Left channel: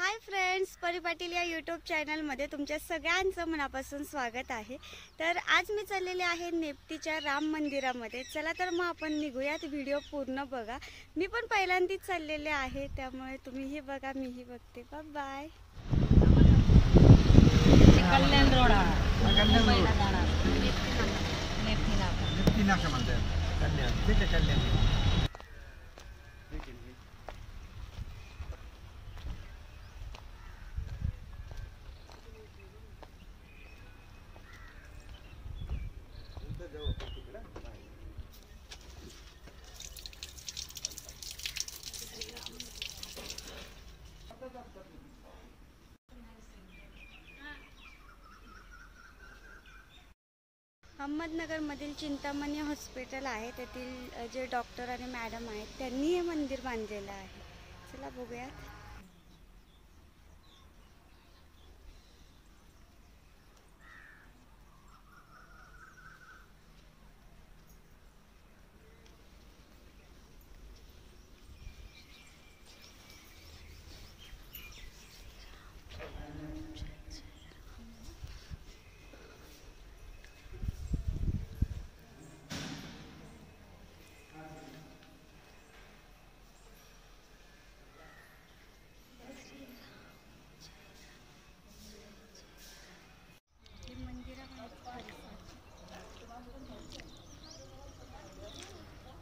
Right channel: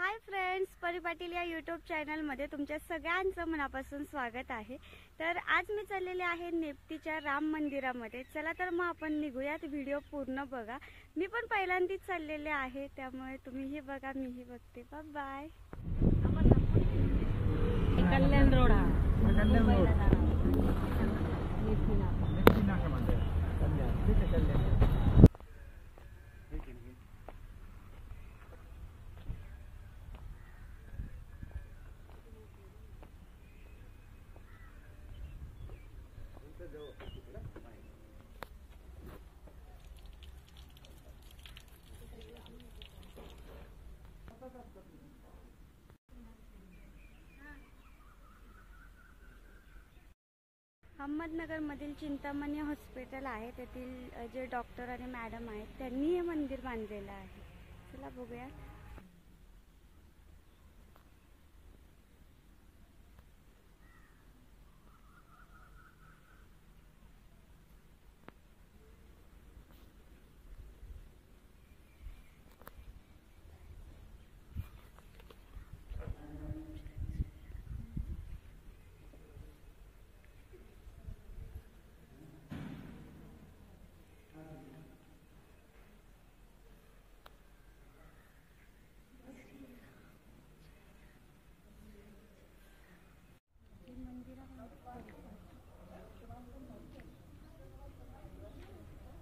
Hi friends, परी पाटील या YouTube चॅनलमध्ये तुमच्या सगळ्यांचं मनापासून स्वागत आहे। तर आज मी चाललेले आहे नेप्तीच्या राम मंदिरामध्ये। चला तर मग आपण निघूयात, व्हिडिओ पूर्ण बघा। मी पण पहिल्यांदाच चाललेले आहे, त्यामुळे तुम्हीही बघा मीही बघते। Bye bye. कल्याण रोड अहमदनगरमधील चिंतामणी हॉस्पिटल आहे, तेथील जे डॉक्टर आणि मॅडम आहेत त्यांनी हे मंदिर बांधलेलं आहे। चला बघूयात।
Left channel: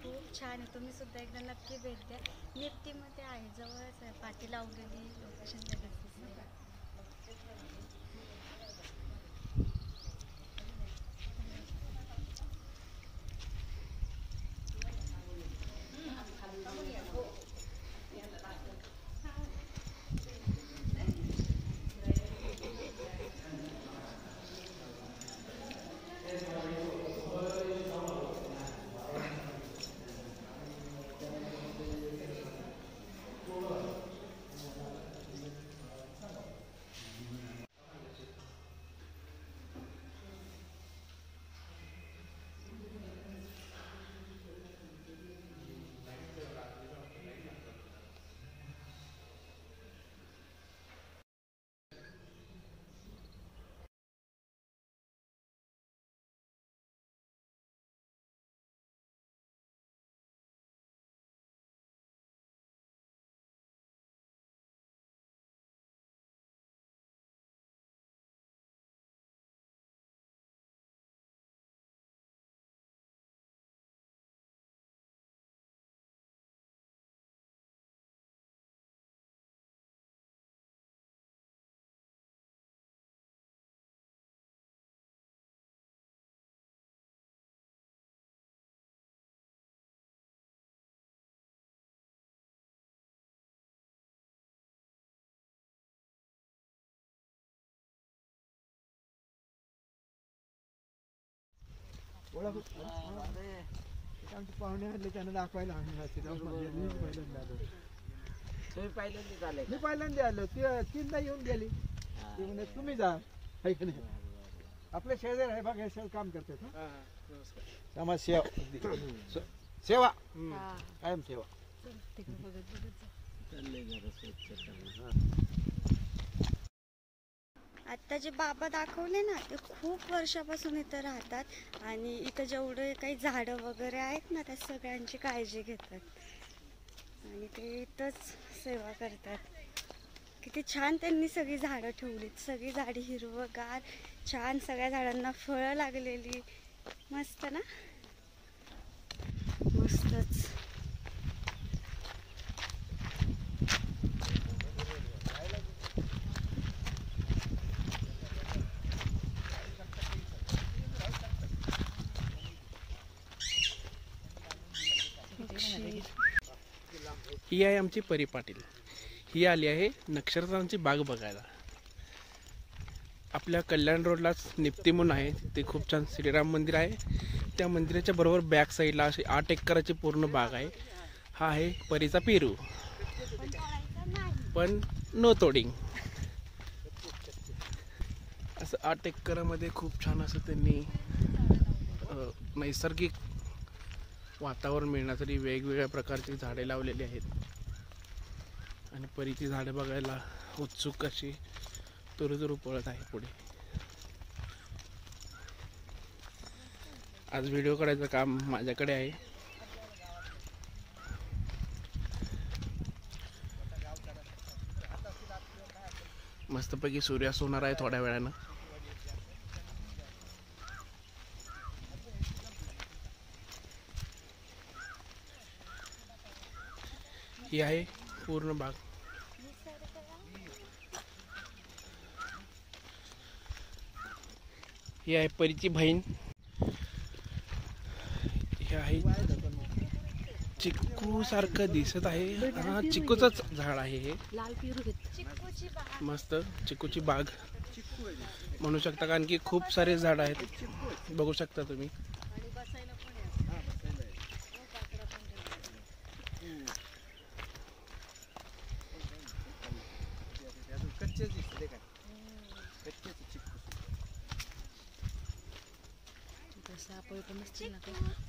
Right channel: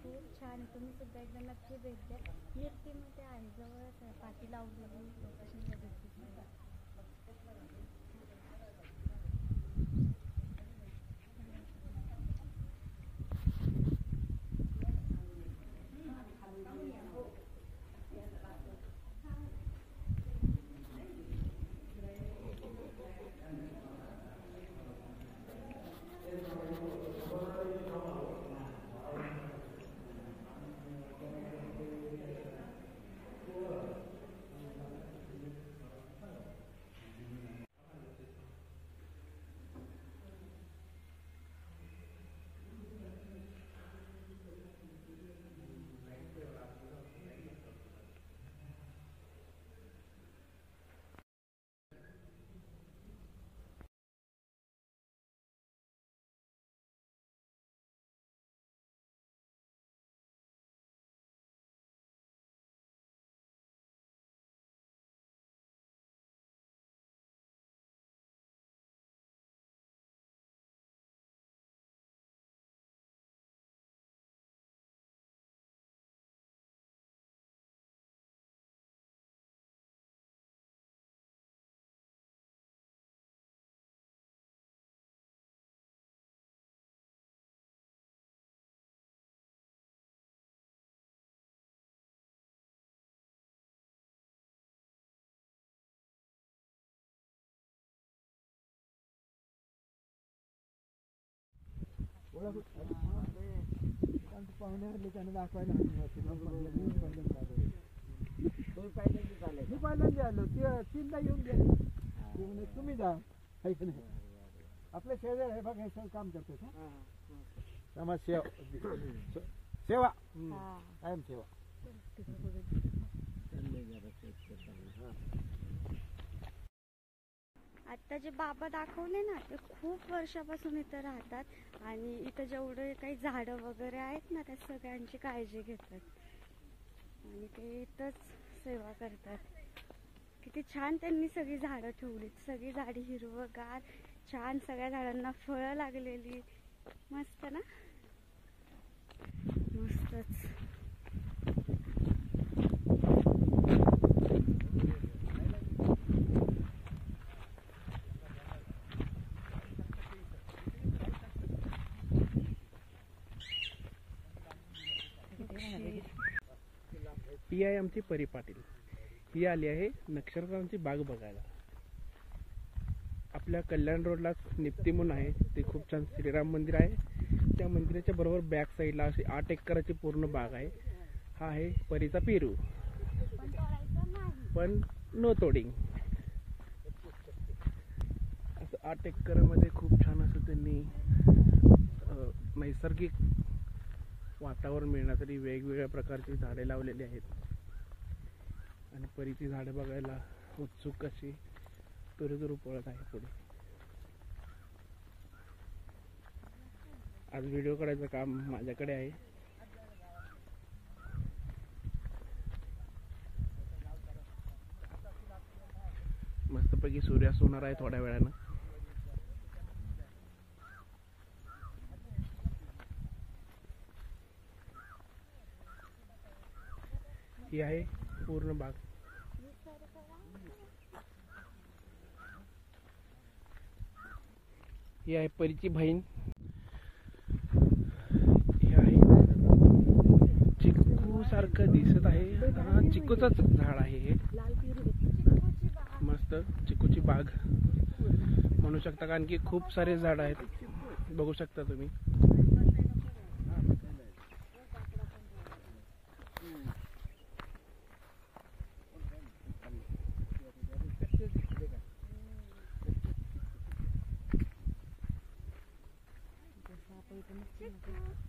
खूप छान आहे, तुम्ही सुद्धा एकदा नक्की भेट द्या। नेप्तीमध्ये आहे, जवळच आहे, पाटी लावलेली लोकेशन लगेच दिसते। पाहुणे आले त्यांना दाखवायला मी पहिल्यांदा आलो, तीनदा येऊन गेली। म्हणे तुम्ही जा, आहे की नाही? आपले शेजार आहे बघा, हे काम करते समाज सेवा, सेवा कायम सेवा। आता जे बाबा दाखवले ना, ते खूप वर्षापासून इथं राहतात आणि इथं जेवढे काही झाडं वगैरे आहेत ना, त्या सगळ्यांची काळजी घेतात आणि ते इथंच सेवा करतात। किती छान त्यांनी सगळी झाडं ठेवलीत, सगळी झाडी हिरवगार छान, सगळ्या झाडांना फळं लागलेली, मस्त ना, मस्तच। ही आहे आमची परी पाटील। ही आली आहे नक्षत्रांची बाग बघायला। आपल्या कल्याण रोडलाच नेप्ती म्हणून आहे, ते खूप छान श्रीराम मंदिर आहे। त्या मंदिराच्या बरोबर बॅक साईडला अशी 8 एकराची पूर्ण बाग आहे। हा आहे परीचा पेरू, पण नो तोडिंग। असं 8 एकरामध्ये खूप छान असं त्यांनी नैसर्गिक वातावरण मिळण्यासाठी वेगवेगळ्या प्रकारची झाडे लावलेली आहेत आणि परीची झाडे बघायला उत्सुक अशी तुरु पळत आहे पुढे. आज व्हिडिओ काढायचं काम माझ्याकडे आहे. मस्तपैकी सूर्यास्त होणार आहे थोड्या वेळानं. ही आहे पूर्ण बाग. ही आहे परीची बहीण. ही आहे चिक्कू सारखं दिसत आहे. हा चिक्कूचंच झाड आहे हे. मस्त चिक्कूची बाग म्हणू शकता, कारण की खूप सारे झाड आहेत, बघू शकता तुम्ही.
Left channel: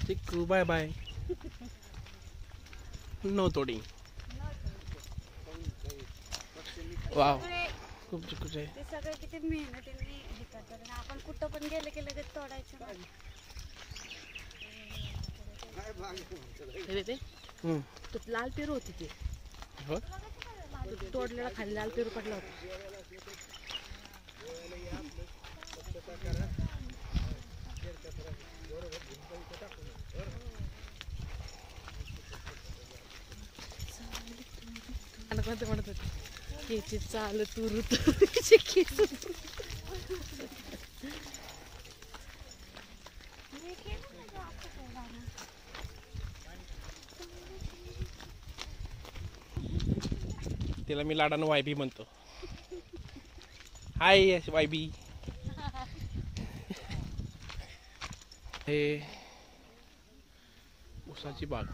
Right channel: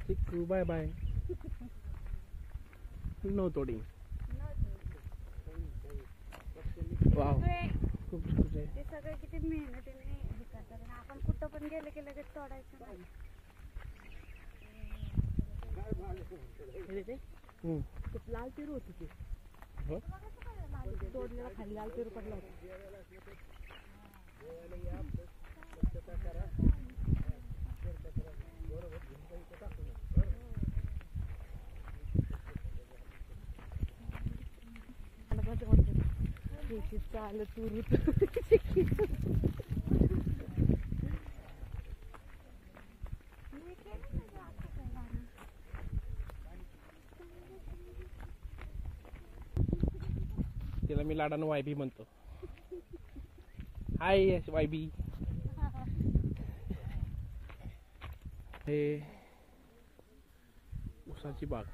चिक्कू बाय बाय. नो तोडिंग. वाव, खूप चिक्कूचे आहे. ते सगळे किती मेहनतीने हे करतात आणि आपण कुठं पण गेलं की लगेच तोडायचं नाही. लाल पेरू होती ती हो? तोडलेला खाली लाल पेरू पडला होता. केची चाल तुरु तिला मी लाडानं वायबी म्हणतो. हाय वायबी. हे ऊसाची बाग.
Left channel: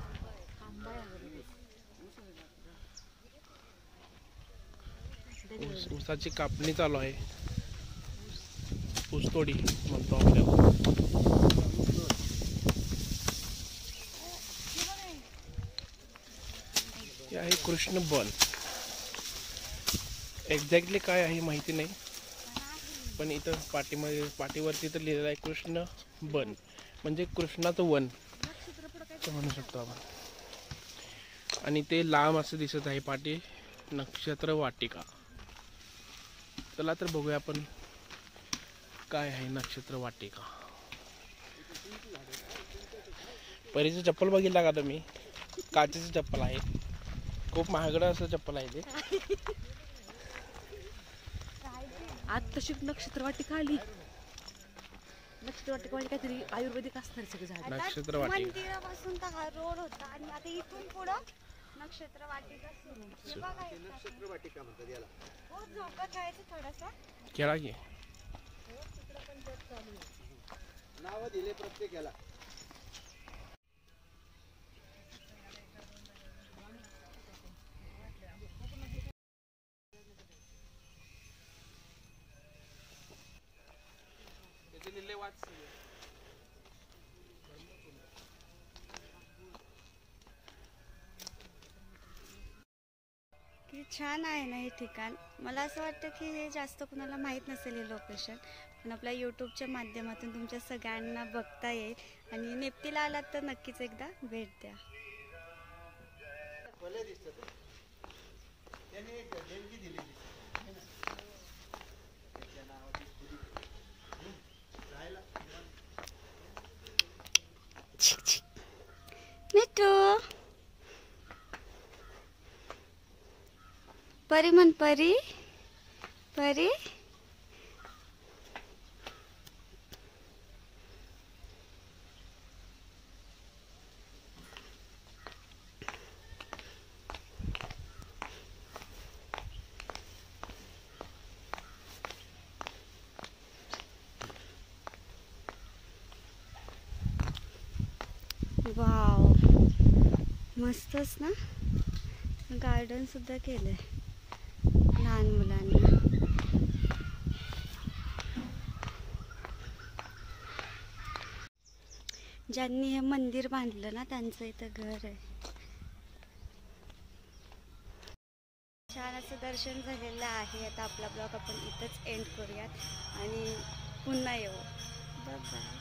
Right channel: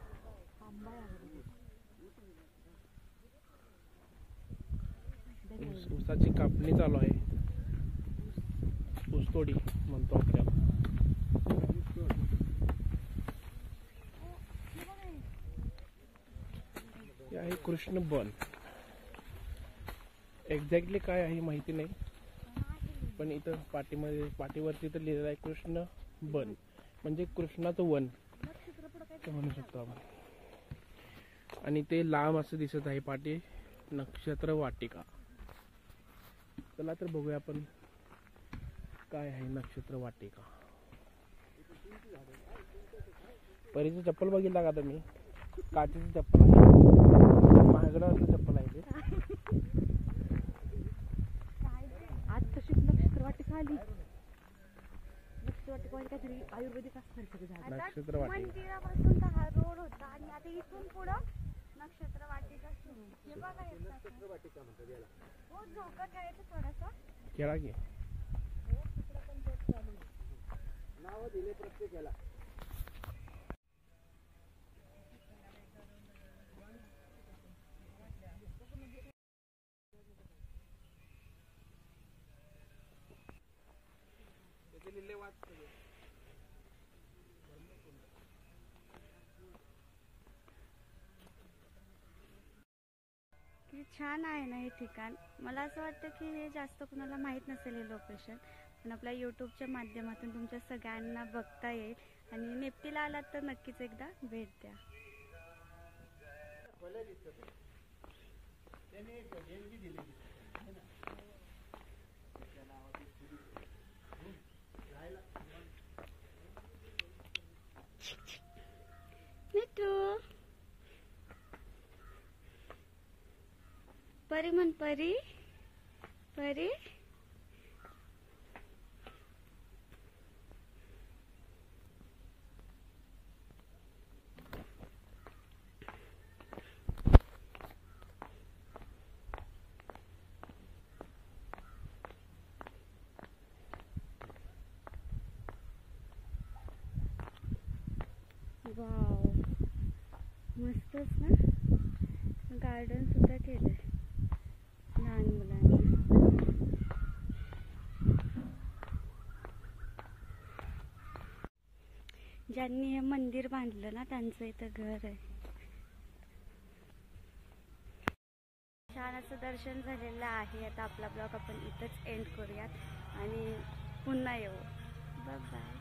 ऊसाची कापणी चालू आहे. ऊसतोडी म्हणतो आपल्याला. हे आहे कृष्ण बन. एक्झॅक्टली काय आहे माहिती नाही, पण इथं पाठीवरती तर लिहिलेलं आहे कृष्ण बन, म्हणजे कृष्णाचं वन असं म्हणू शकतो आपण. आणि ते लांब असं दिसत आहे पाठी नक्षत्र वाटिका. चला तर बघूया आपण काय आहे नक्षत्र वाटिका. परीचं चप्पल बघितला का तुम्ही? काचेचं चप्पल आहे, खूप महागडं असं चप्पल आहे ते. आज तशी नक्षत्रवाटिका आली. नक्षत्रवाटिका म्हणजे काहीतरी आयुर्वेदिक असणार सगळं झाड. नक्षत्र वाटिका मंदिरापासून तर हा रोड होता आणि आता इथून पुढं नक्षत्र वाटिका सुरू. हे बघा हे नक्षत्र वाटिका म्हणतात याला. हो, झोका खेळायचं थोडासा. केला की हो, तिकडं पण जग चालू आहे. नाव दिले प्रत्येक याला. किती छान आहे ना हे ठिकाण. मला असं वाटतं की हे जास्त कुणाला माहीत नसेल हे लोकेशन, पण आपल्या यूट्यूबच्या माध्यमातून तुमच्या सगळ्यांना बघता येईल. आणि नेप्तीला आलात तर नक्कीच एकदा भेट द्या. मिठू, परी म्हण, परी परी. वाव, मस्तच ना. गार्डन सुद्धा केलंय लहान मुलांना. ज्यांनी हे मंदिर बांधलं ना त्यांचं इथं घर आहे. छान असं दर्शन झालेलं आहे. आता आपला ब्लॉग आपण इथंच एंड करूयात आणि पुन्हा येऊ. Bye bye.